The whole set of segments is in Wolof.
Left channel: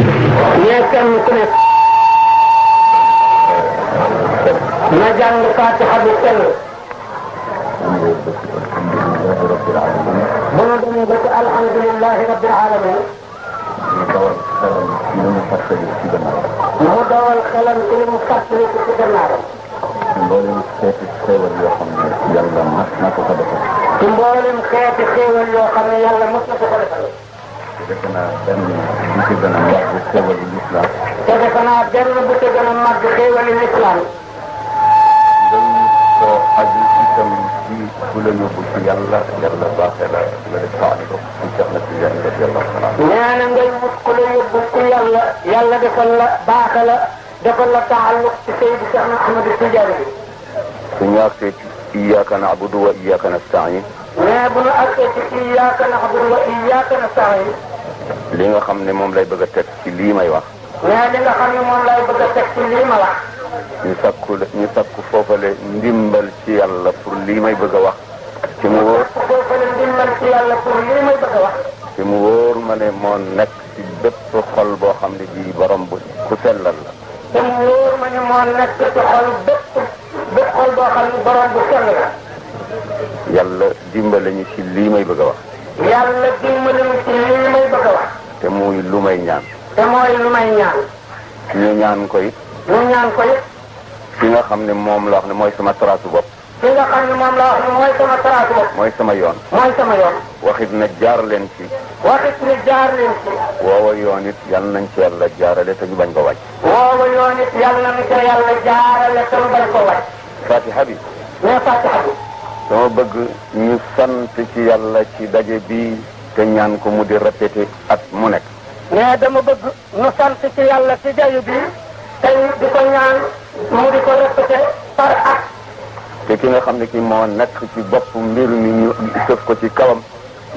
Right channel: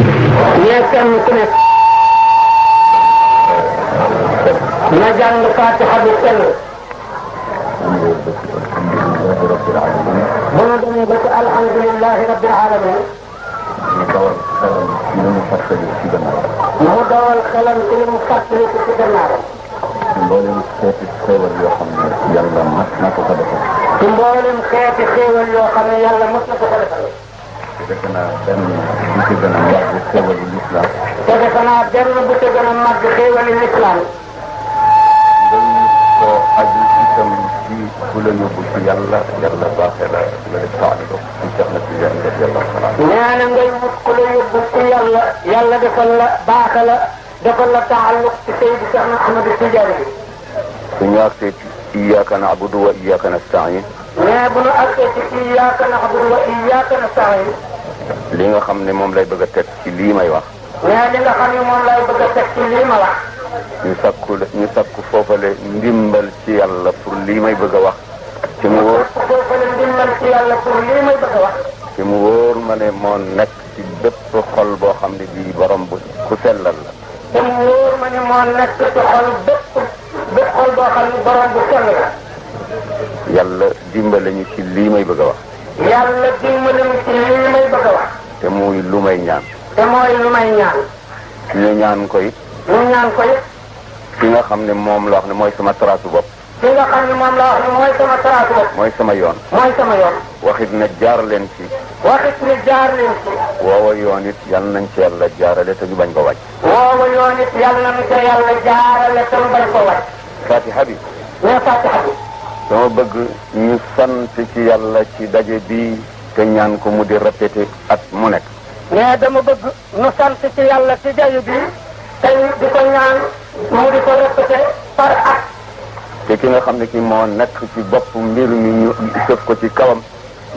mais kenn ku nekk na jàng Fatiha bi sell. bu nu demee ba ci alhamdulilahi rabbil alamin mu dawal xelam ci li mu fàttali ci gannaawam. mboolem xeeti xéewal yoo xam ne yàlla mas na ko defal. ci mboolem xeeti xéewal yoo xam ne yàlla mas na ko defal. te defe naa benn bu ci gën a màgg xéewalu lislaam. te defe naa benn bu ci gën a màgg xéewalu lislaam. dañ ko aju itam ci ku la yóbbu ci yàlla yàlla baaxee la nga def taaliba ci Cheikh na Tijaan radiyallahu taala. nee na ngay wut ku la yóbbu ci yàlla yàlla defal la baaxe la defal la taalluq ci Seydi Cheikh Ahmad Tijaan bi. suñu àgsee ci iyyaaka na'budu wa iyyaaka nasta'iin. mais bu nu àgsee ci iyyaaka na'budu wa iyyaaka nasta'iin. li nga xam ne moom lay bëgg a teg ci lii may wax. mais li nga xam ne moom lay bëgg a teg ci lii ma wax. ñu sakku foofale ndimbal ci yàlla pour lii may bëgg a wax. ci mu wóor foofale ndimbal ci yàlla pour lii may bëgg a wax. ci mu wóor ma ne moo nekk ci bépp xol boo xam ne bii borom bu ku sellal la. te mu wóor ma ne moo nekk ci xol bépp xol boo xam ne borom bu sell la. yàlla dimbale ñu ci lii may bëgg a wax. yàlla dimbale ñu ci lii may bëgg a wax. te muy lu may ñaan. te mooy lu may ñaan. ñu ñaan ko it. ñu ñaan ko it. fi nga xam ne moom la wax ne mooy sama trasu bopp. fi nga xam ne moom la wax ne mooy sama trasu bopp. mooy sama yoon. mooy sama yoon. waxit ne jaar leen ci. waxit ne jaar leen ci. woowa yoon it yal nañ ci yàlla jaarale te ñu bañ ko wàcc. woowa yoon it yal nañ ci yàlla jaarale te ñu bañ ko wàcc. Fatiha bi. mais Fatiha bi. dama bëgg ñu sant ci yàlla ci daje bi te ñaan ko mu di répété at mu nekk. mais dama bëgg ñu sant ci yàlla ci daje bi te di ko ñaan mu di ko répété par at. te ki nga xam ne ci moo nekk ci bopp mbir mi ñu sëf ko ci kawam.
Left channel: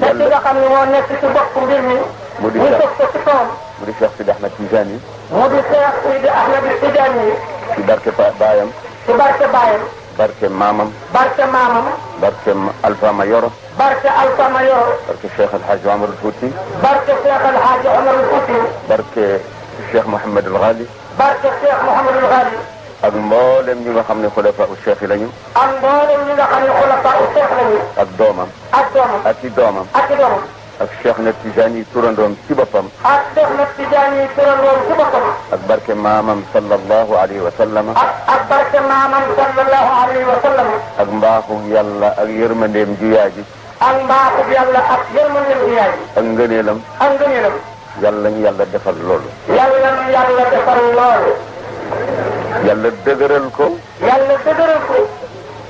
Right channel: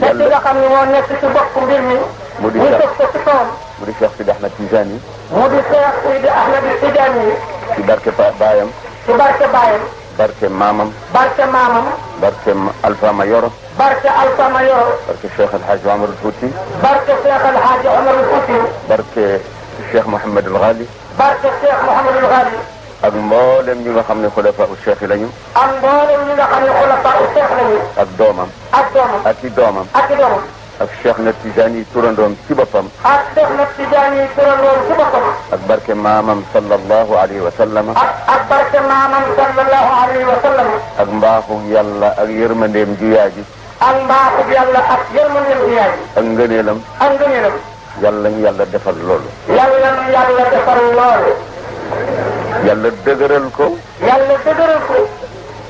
te ki nga xam ne moo nekk ci bopp mbir mi. mu di ñu sëf ko ci kawam. mu di Cheikh Sidi Ahmed Tijani. mu di Cheikh Sidi Ahmed Tijani. ci barke baayam. ci barke baayam. barke maamam. barke maamam. barke Alpha Mayoro. barke Alpha Mayoro. barke Cheikh El Hadj Omar Fouti. barke Cheikh El Hadj Omar Fouti. barke Cheikh Mouhamed El Ghali. barke Cheikh Mouhamed El Ghali. ak mboolem ñi nga xam ne xulafa u Cheikh yi lañu. ak mboolem ñi nga xam ne xulafa u Cheikh lañu. ak doomam. ak doomam. ak i doomam. ak i doomam. ak Cheikh na Tijani turandoom ci boppam. ak Cheikh na Tijani turandoom ci boppam. ak barke maamam sallallahu alayhi wa sallam. ak barke maamam sallallahu alayhi wa sallam. ak mbaaxu yàlla ak yërmandeem ju yaay ji. ak mbaaxu yàlla ak yërmandeem ju yaay ji. ak ngëneelam. ak ngëneelam. yàlla ñu yàlla defal loolu. yàlla ñu yàlla defal loolu. yàlla dëgëral ko. yàlla dëgëral ko.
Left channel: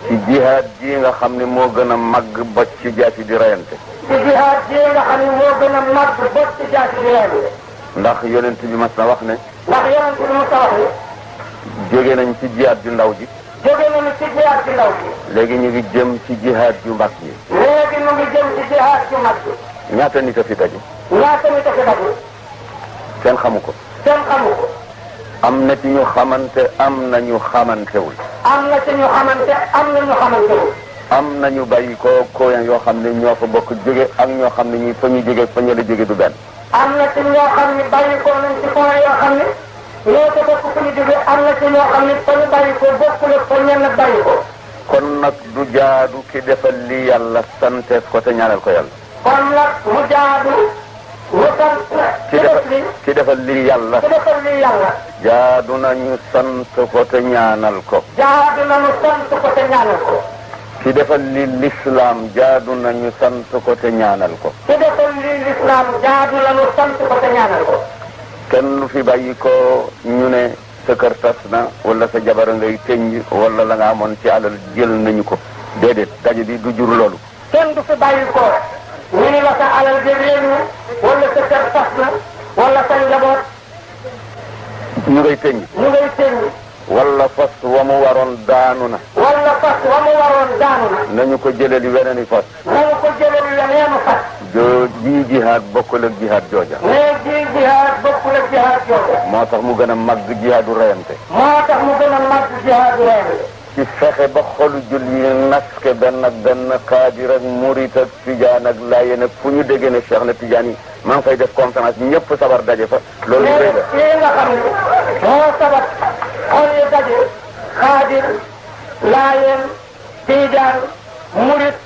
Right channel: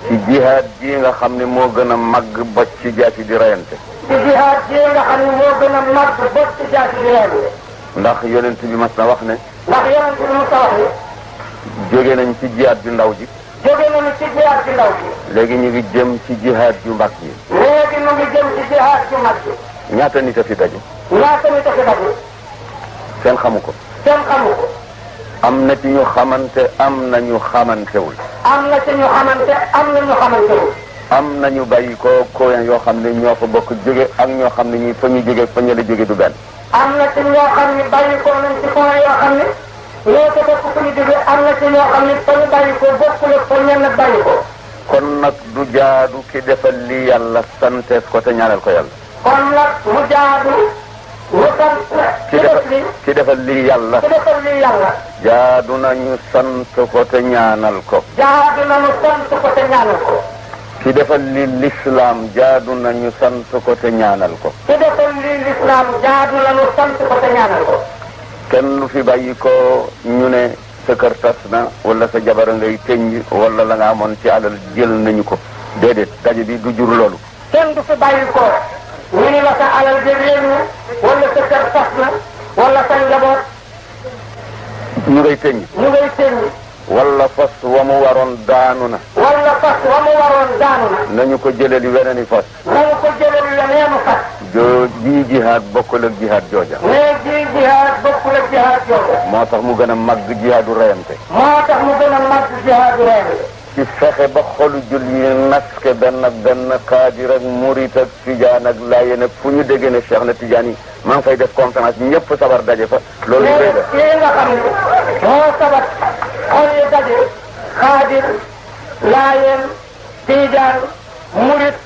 ci jihaad ji nga xam ne moo gën a màgg bocc ci jaasi di rayante. ci jihaad ji nga xam ne moo gën a màgg bocc ci jaasi di rayante. ndax yonent bi mas na wax ne. ndax yonent bi mas na wax ne. jóge nañ ci jihaad ju ndaw ji. jóge nañu ci jihaad ju ndaw ji. léegi ñu ngi jëm ci jihaad ju mag ji. léegi ñu ngi jëm ci jihaad ju mag ji. ñaata nit a fi daju. ñaata nit a fi daju. kenn xamu ko. kenn xamu ko. am na ci ñu xamante am na ñu xamantewul. am na ci ñu xamante am na ñu xamantewul. am na ñu bàyyi ko yoo xam ne ñoo fa bokk jóge ak ñoo xam ne ñi fa ñu jóge fa ñu la jóge du benn. am na ci ñoo xam ne bàyyi ko nañ ci point yoo xam ne ñoo ko bokk fu ñu jóge am na ci ñoo xam ne fa ñu bàyyi ko bokkul ak fa ñenn bàyyi ko. kon nag du jaadu ki defal li yàlla santeef ko te ñaanal ko yàlla. kon nag mu jaadu ñu sant ki defal li yàlla. ki defal li yàlla. jaadu nañu sant ko te ñaanal ko. jaadu nañu sant ko te ñaanal ko. ki defal li l'islam jaadu nañu sant ko te ñaanal ko. ki defal li l'islam jaadu nañu sant ko te ñaanal ko. kenn lu fi bàyyi ko ñu ne sa kër tas na wala sa jabara ngay tënj wala la nga amoon ci alal jël nañu ko déedéet daje bi du jur loolu. kenn du fi bàyyi ko ñu ne la sa alal bi réer na wala sa kër tas na wala sa njaboot. ñu ngay tënj. ñu ngay tënj. wala fas wa mu waroon daanu na. wala fas wa mu waroon daanu na. nañu ko jëlee li weneen i fas. nañu ko jëlee li weneenu fas. bii jihaad bokkul ak jihaad jooja. mais bii jihaad bokkul ak jihaad jooja. moo tax mu gën a màgg jihaadu rayante. moo tax mu gën a màgg jihaadu rayante. ci fexe ba xolu jul yi naske benn xaadir ak murit ak tijaan ak laayeen ak fu ñu déggee ne Cheikh na tijaan yi maa ngi fay def conférence ñëpp sabar daje fa loolu léegi kii nga xam ne moo sabat xol yu daje xaadir laayeen tijaan murit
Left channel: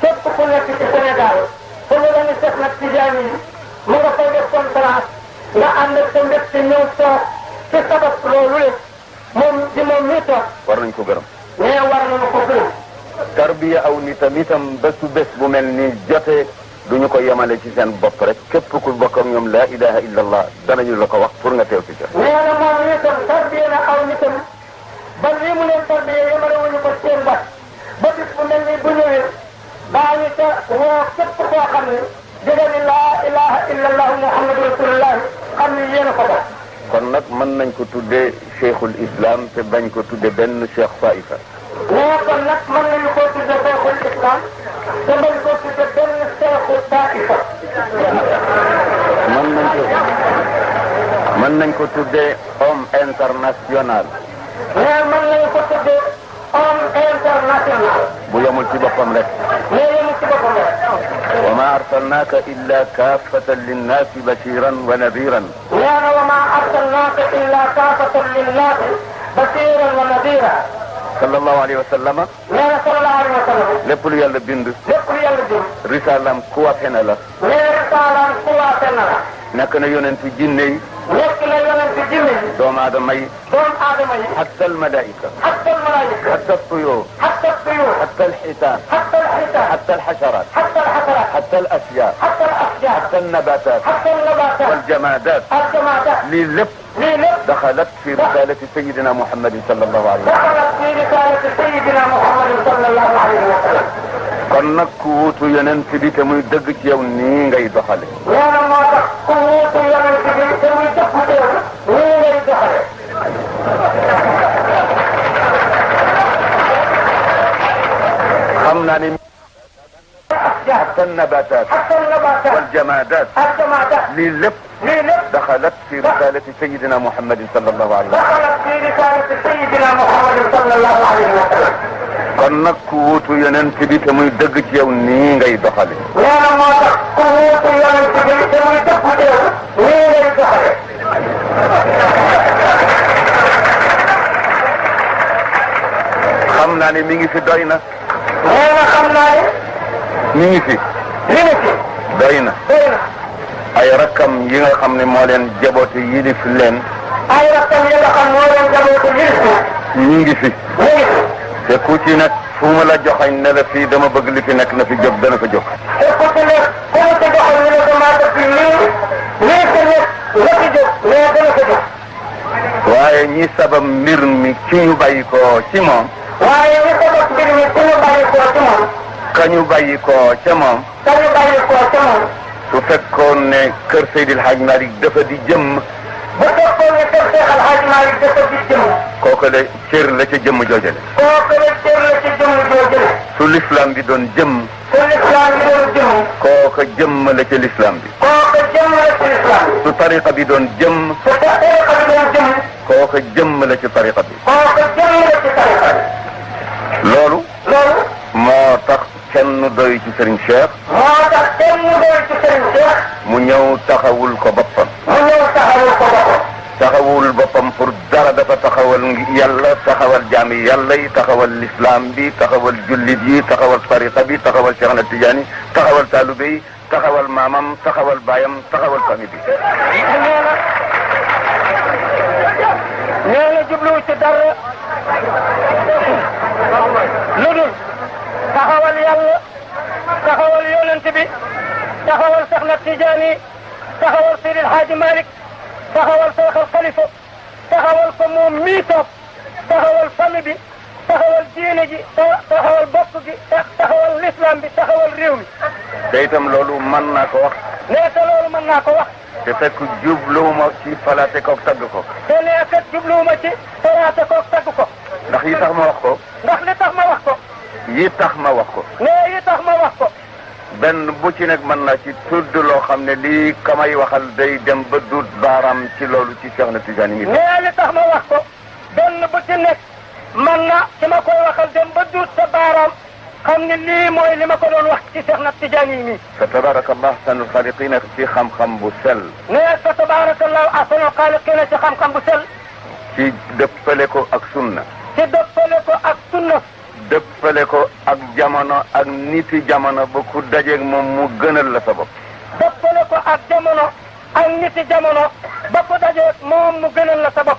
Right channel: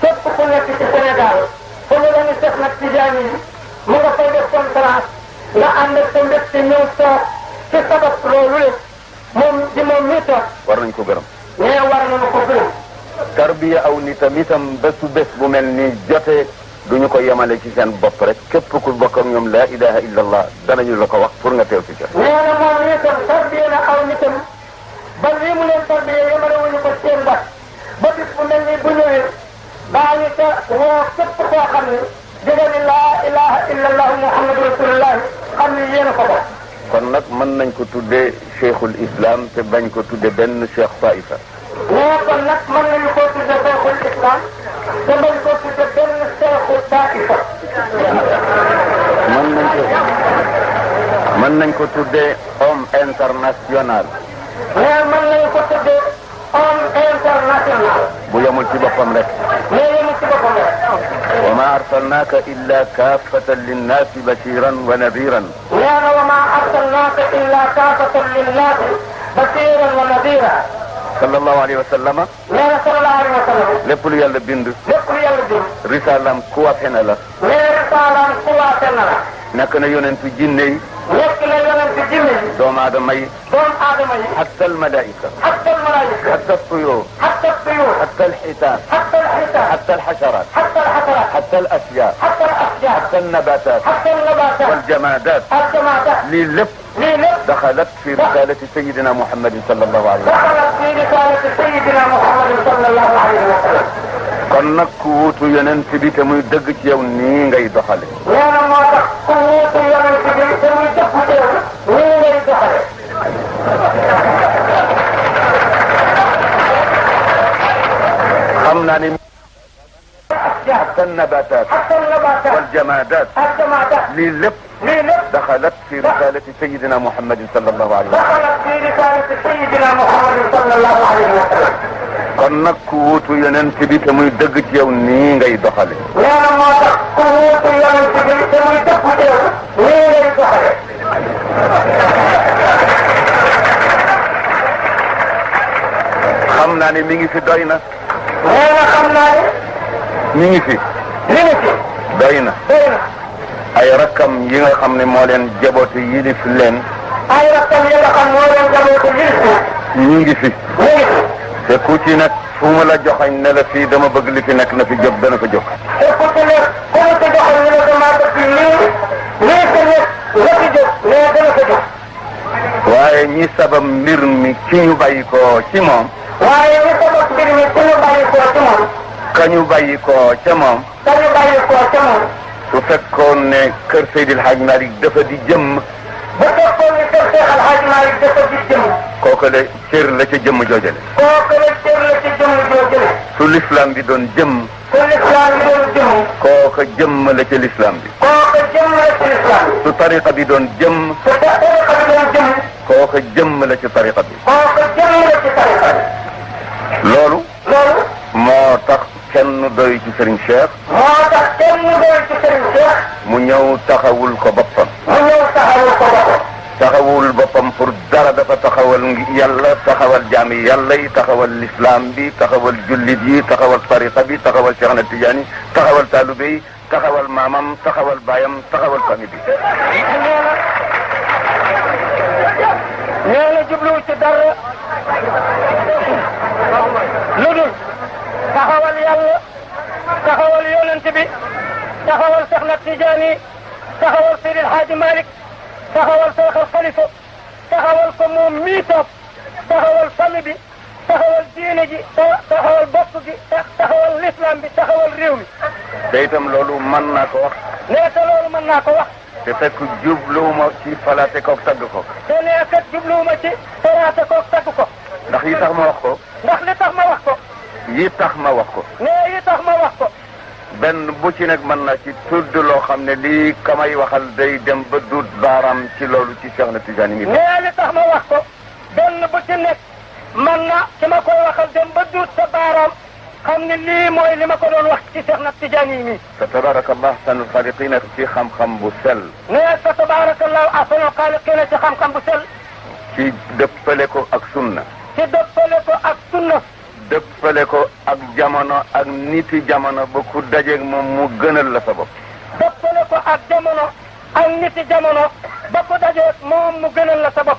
képp ku nekk ci Sénégal fu ñu la ñu Cheikh na tijaan yi mu nga fay def conférence nga ànd ak sa mbég ci ñëw toog ci sabat loolu le moom mii toog war nañ ko gërëm mais war nañu ko gërëm tarbiya aw nitam bésu bés bu mel ni jotee duñu ko yemale ci seen bopp rek képp ku bokk ak ñoom laa ilaha illa allah danañu la ko wax pour nga teew ci ca nee na moom mii tam tarbiya na aw nitam ba lii mu leen tarbiya yemale wuñu ko seen bopp ba bis bu mel ni bu ñëwee baañu sa woo képp koo xam ne jóge ni laa ilaha illa allah muhammadu rasulullah xam ni yéen a ko bokk kon nag mën nañ ko tuddee cheikhul islam te bañ ko tuddee benn cheikh faifa nee kon nag mën nañu koo tudde cheikhul islam te bañ koo tudde benn cheikhul faifa mën nañ ko tuddee homme international nee mën nañu ko tudde homme international bu yemul ci boppam rek nee yemul ci boppam rek wa ma arsalnaaka illa kaafatan linnaasi bashiran wa nadiran nee na wa ma arsalnaaka illa kaafatan linnaasi bashiran wa nadira sallallahu alayhi wa sallama nee na sallallahu alayhi wa sallam lépp lu yàlla bind lépp lu yàlla bind risaalam kuwaate na la nee risaalam kuwaate na la nekk na yonentu jinne yi nekk na yonentu jinne yi doomu aadama yi doomu aadama yi hatta almalaika hatta almalaika hatta altuyur hatta altuyur hatta alxitaan hatta alxitaan hatta alxasharat hatta alxasharat hatta alasyaar hatta alasyaar hatta alnabatat hatta alnabatat waljamadat aljamadat lii lépp lii lépp daxalat fi risalati sayidina muhammadin sallallahu alayhi wa sallam daxalat fi risalati sayidina muhammadin sallallahu alayhi wa sallam kon nag ku wuutu yonent bi te muy dëgg ci yow nii ngay doxale nee na moo tax ku wuutu yonent bi te muy dëgg ci yow nii ngay doxale xam naa ne hatta nabatat hatta nabatat waljamadat aljamadat lii lépp lii lépp daxalat fi risalati sayidina muhammadin sallallahu alayhi wa sallam daxalat fi risalati sayidina muhammadin sallallahu alayhi wa sallam kon nag ku wuutu yonent bi te muy dëgg ci yow nii ngay doxale nee na moo tax ku wuutu yonent bi te muy dëgg ci yow nii ngay doxale xam naa ne mi ngi fi doy na nee na xam naa ne mi ngi fi doy na ay rakkam yi nga xam ne moo leen jaboote yilif leen ay rakkam yi nga xam moo leen jaboote yilif leen ñu ngi fi te ku ci nekk fu mu la joxañ ne la fii dama bëgg li fi nekk na fi jóg dana ko jóg te ku ci nekk ku mu ci joxañ ne la dama bëgg lii ko nekk la fi jóg mais dana ko jóg waaye ñi sabab mbir mi ci ñu bàyyi ko ci moom waaye ñi sabab mbir mi ci ñu bàyyi ko ci moom ka ñu bàyyi ko ca moom ka ñu bàyyi ko ca moom su fekkoon ne kër Seydil Hadj Malick dafa di jëmm bu fekkoon ne kër Seex Al Hadj Malick dafa di jëmm kooku de cër la ca jëmm joojale kooku de cër la ci jëmm joojale su l'islam di doon jëmm su lislaam bi doon jëmm kooku jëmm la ca l'islam bi kooku jëmm la ci lislaam bi su tariqa bi doon jëmm su tariqa bi doon jëmm kooku jëmm la ci tariqa bi kooku jëmm la ci tariqa bi loolu loolu moo tax kenn doy ci Serigne Cheikh moo tax kenn doy ci Serigne Cheikh mu ñëw taxawul ko boppam mu ñëw taxawul ko boppam taxawul boppam pour dara dafa taxawal yàlla taxawal jaami yàlla yi taxawal l'islam bi taxawal jullit yi taxawal tariqa bi taxawal Cheikh na Tidiane taxawal talibé yi taxawal maamam taxawal baayam taxawal famille bi nee na jubluwu ci dara lu dul taxawal yàlla taxawal yonent bi taxawal Cheikh na Tidiane taxawal Seydil Hadji Malick taxawal Cheikh al Khalifa taxawal ko moom mii toog taxawal famille bi taxawal diine ji taxawal bopp bi taxawal l'islam bi taxawal réew mi. te itam loolu mën naa ko wax. nee te loolu mën naa ko wax. te fekk jubluwuma ci falaate koog tagg ko. te nee kat jubluwuma ci falaate koog tagg ko. ndax yi tax ma wax ko. ndax li tax ma wax ko. yi tax ma wax ko. nee yi tax ma wax ko. benn bu ci nekk mën naa ci tudd loo xam ne lii kamay waxal day dem ba duut baaraam ci loolu ci Cheikh na Tidiane yi. nee li tax ma wax ko benn bu ci nekk man na dama koy waxal dem ba duut sa baaraam xam ni lii mooy li ma ko doon wax ci Cheikh na Tidiane yi nii. fa tabarakallah ahsanul xaaliqiina ci xam-xam bu sell. mais fa tabarakallahu ahsanul xaaliqiina ci xam-xam bu sell. ci dëppale ko ak sunna. ci dëppale ko ak sunna. dëppale ko ak jamono ak niti jamono ba ku dajeeg moom mu gënal la sa bopp. dëppale ko ak jamono ak niti jamono ba ku dajeeg moom mu gënal la sa bopp.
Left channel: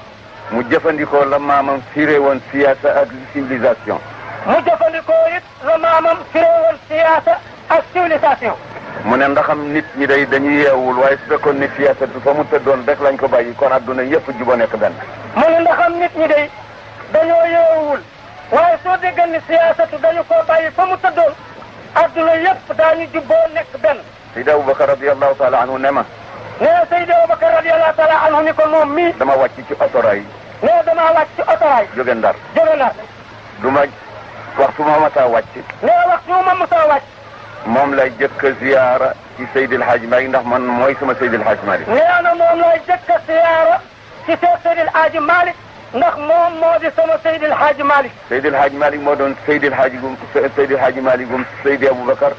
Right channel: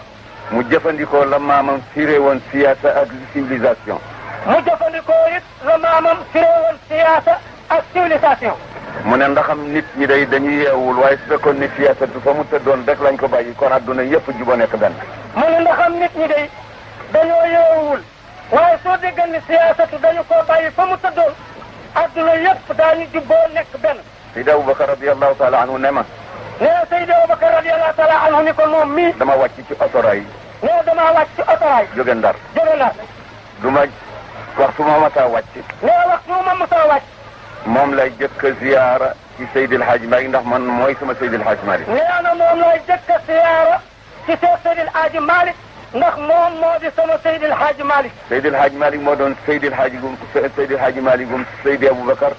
mu jëfandikoo la maamam firé woon siyaasa ak civilisation. mu jëfandikoo it la maamam firé woon siyaasa ak civilisation. mu ne ndaxam nit ñi day dañuy yeewul waaye su fekkoon ni siyaasa bi fa mu tëddoon rek lañ ko bàyyi kon adduna yëpp juboo nekk benn. mu ne ndaxam nit ñi day dañoo yeewul waaye soo déggal ni siyaasatu dañu koo bàyyi fa mu tëddoon adduna yëpp daañu jubboo nekk benn. Seydi Aboubacar radiyallahu taala anhu ne ma. nee Seydi Aboubacar radiyallahu taala anhu ni ko moom mii. dama wàcc ci otoraay. nee damaa wàcc ci otoraay. jóge Ndar. jóge Ndar. du ma waxtu ma masaa wàcc. nee waxtu ma masaa wàcc. moom lay jëkk a ziyaara ci Seydi El Hadj Malick ndax man mooy sama Seydi El Hadj Malick. nee na moom lay jëkk a ziyaara ci Seydi El Hadj Malick ndax moom moo di sama Seydi El Hadj Malick. Seydi El Hadj Malick moo doon Seydi El Hadj gum Seydi El Hadj Malick gum Seydi Aboubacar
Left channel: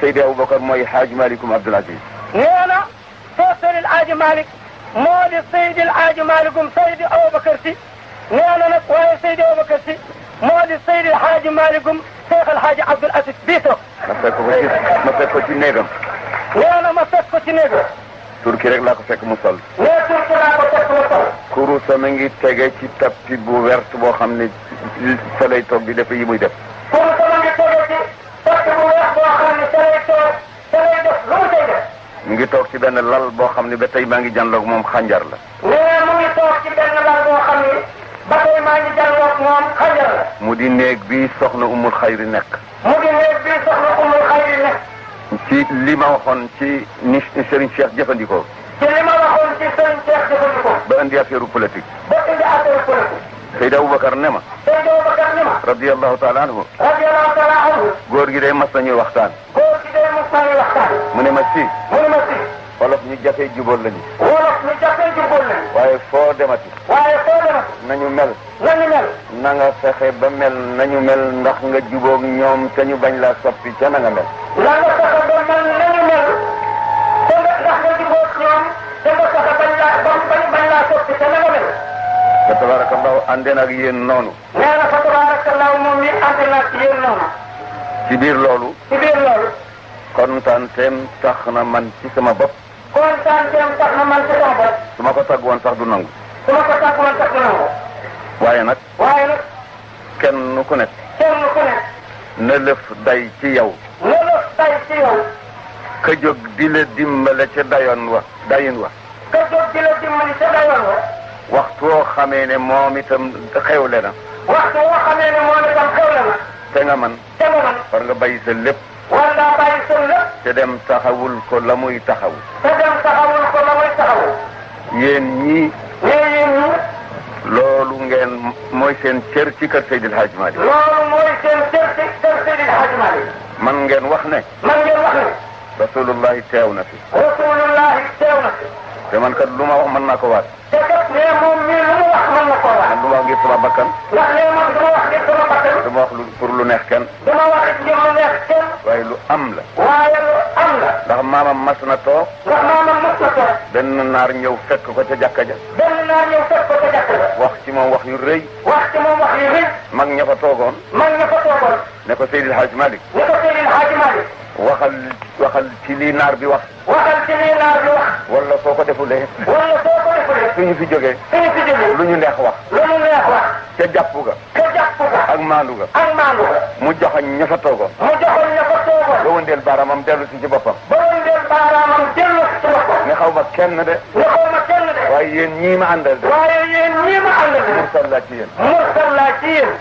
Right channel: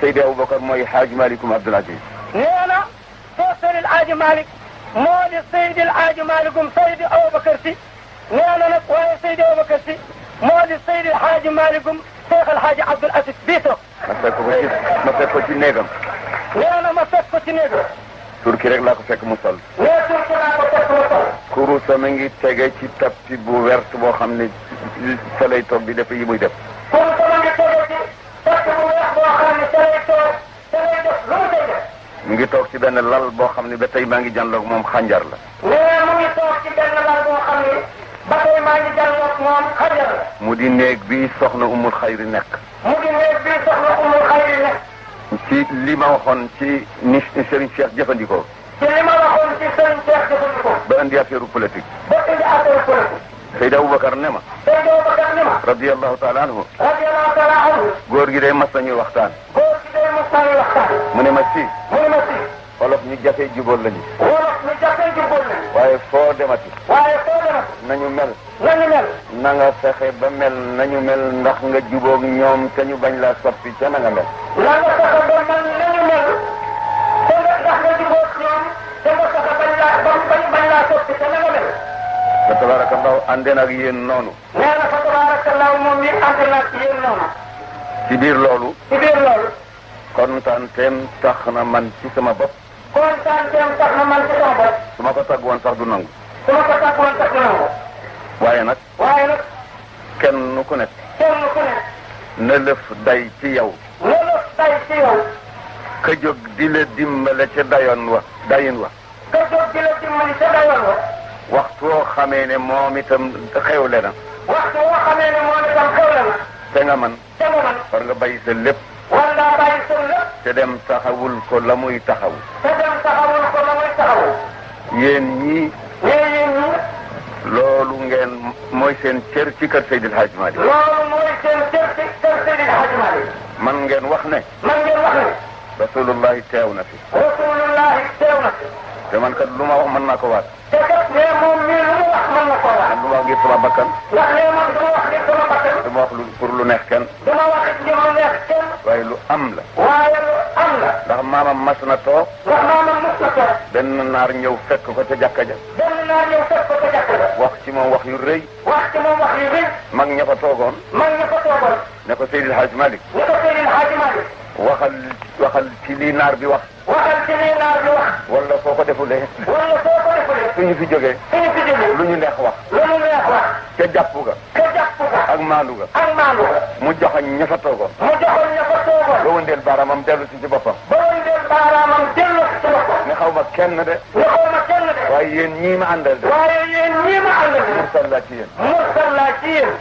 Seydi Aboubacar mooy Hadj Malikum Abdoul Aziz. nee na Seydi El Hadj Malick moo di Seydi El Hadj Malick gum Seydi Aboubacar si. nee na nag waaye Seydi Aboubacar si moo di Seydi El Hadj Malick gum Cheikh El Hadj Abdoul Aziz bii toog. ma fekk ko ci néegam. nee na ma fekk ko ci néegam. turki rek laa ko fekk mu sol. nee turki laa ko fekk mu sol. kurusa mi ngi tege ci tapis bu vert boo xam ne fa lay toog di def yi muy def. kurusa mi ngi tege ci tapis bu weex boo xam ne fa lay toog fa lay def lu mu koy def. mu ngi toog ci benn lal boo xam ne ba tey maa ngi jànloog moom xànjar la. nee mu ngi toog ci benn lal boo xam ne ba tey maa ngi jànloog moom xànjar la. mu di néeg bi soxna Umul Xayri nekk. mu di néeg bi soxna Umul Xayri nekk. ci li ma waxoon ci ni Serigne Cheikh jëfandikoo. ci li ma waxoon ci Serigne Cheikh jëfandikoo. ba indi affaire politique. ba indi affaire politique. Seydi Aboubacar ne ma. Seydi Aboubacar ne ma. radiyallahu taala anhu. radiyallahu taala anhu. góor gi day mas nañuy waxtaan. góor gi day mas nañuy waxtaan. mu ne ma si. mu ne ma si. wolof ñu jafee jubóol lañu. wolof ñu jafee jubóol lañu. waaye foo demati. waaye foo demati. nañu mel. nañu mel. na nga fexe ba mel nañu mel ndax nga jubóog ñoom te ñu bañ laa soppi ca na nga mel. na nga fexe ba mel nañu mel. te nga ndax nga jubóog ñoom te nga fexe bañ laa soppi ca na nga mel. fa tabarakallahu àndeen ak yéen noonu. nee na fa tabarakallahu moom it ànd na ak yéen noonu. ci biir loolu. ci biir loolu. kontaanteem tax na man ci sama bopp. kontaanteem tax na man ci sama bopp. su ma ko tagg woon sax du nangu. su ma ko tagg woon sax du nangu. waaye nag. waaye nag. kenn ku nekk. kenn ku nekk. na lëf day ci yow. na lëf day ci yow. ka jóg di la dimbale ca dayin wa. ka jóg di la dimbale ca dayoon wa. waxtu woo xamee ne moom itam xewle na. waxtu woo xamee ne moom itam xewle na. te nga man. te nga man. war nga bàyyi sa lépp. war ngaa bàyyi sa lépp. te dem taxawul ko la muy taxaw. te dem taxawul ko la muy taxaw. yéen ñii. yéen ñii. loolu ngeen mooy seen cër ci kër Seydil Hadj Malick. loolu mooy seen cër ci kër Seydil Hadj Malick. man ngeen wax ne. man ngeen wax ne. rasulullahi teew na fi. rasulullahi teew na fi. te man kat lu ma wax mën naa ko waat. te kat nee moom mii lu mu wax mën na koo wax. man du ma wax ngir sama bakkan. ndax nee moom du ma wax ngir sama bakkan. du ma wax pour lu neex kenn. du ma wax it ngir lu neex kenn. waaye lu am la. waaye lu am la. ndax maamam mas na toog. ndax maamam mas na toog. benn naar ñëw fekk ko ca jàkka ja. benn naar ñëw fekk ko ca jàkka ja. wax ci moom wax yu rëy. wax ci moom wax yu rëy. mag ña fa toogoon. mag ña fa toogoon. ne ko Seydil Hadj Malick. ne ko Seydil Hadj Malick. waxal ci lii naar bi wax. waxal ci lii naar bi wax. wala soo ko defulee. wala soo ko defulee. su ñu fi jógee. su ñu fi jógee. lu ñu neex wax. lu ñu neex wax. ca jàpp ga. ca jàpp ga. ak maandu ga. ak maandu ga. mu joxoñ ña fa toogoon. mu joxoñ ña fa toogoon. ba wëndeel baaraamam dellu si ci boppam. ba wëndeel baaraamam dellu si ci boppam. ne xaw ma kenn de. ne xaw ma kenn de. waaye yéen ñii ma àndal de. waaye yéen ñii ma àndal de. mursal laa ci yéen. mursal laa ci yéen.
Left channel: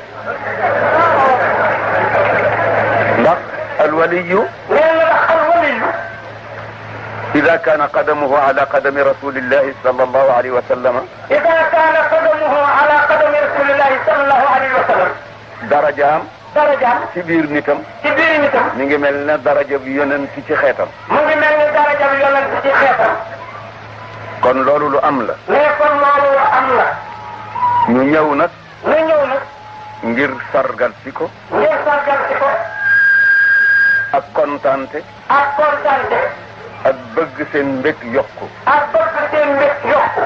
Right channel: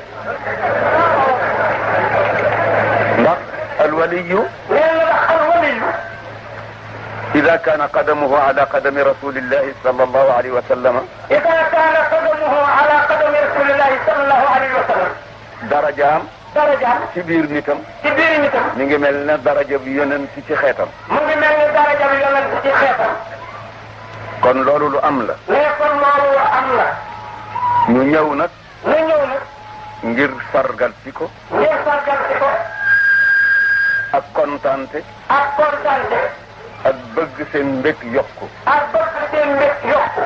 ndax alwaliyu. nee na ndax alwaliyu. إذا كان قدمه على قدم رسول الله صلى الله عليه وسلم. إذا كان قدمه على قدم رسول الله صلى الله عليه وسلم. darajaam. darajaam. ci biir nitam. ci biir nitam. mi ngi mel ne daraja bi yonent ci xeetam. mu ngi mel ni daraja bi yonent ci xeetam. kon loolu lu am la. mais kon loolu lu am la. ñu ñëw nag. ñu ñëw nag. ngir sargal si ko. ngir sargal si ko. ak kontaante. ak kontaante. ak bëgg seen mbég yokku. ak bëgg seen mbég yokku.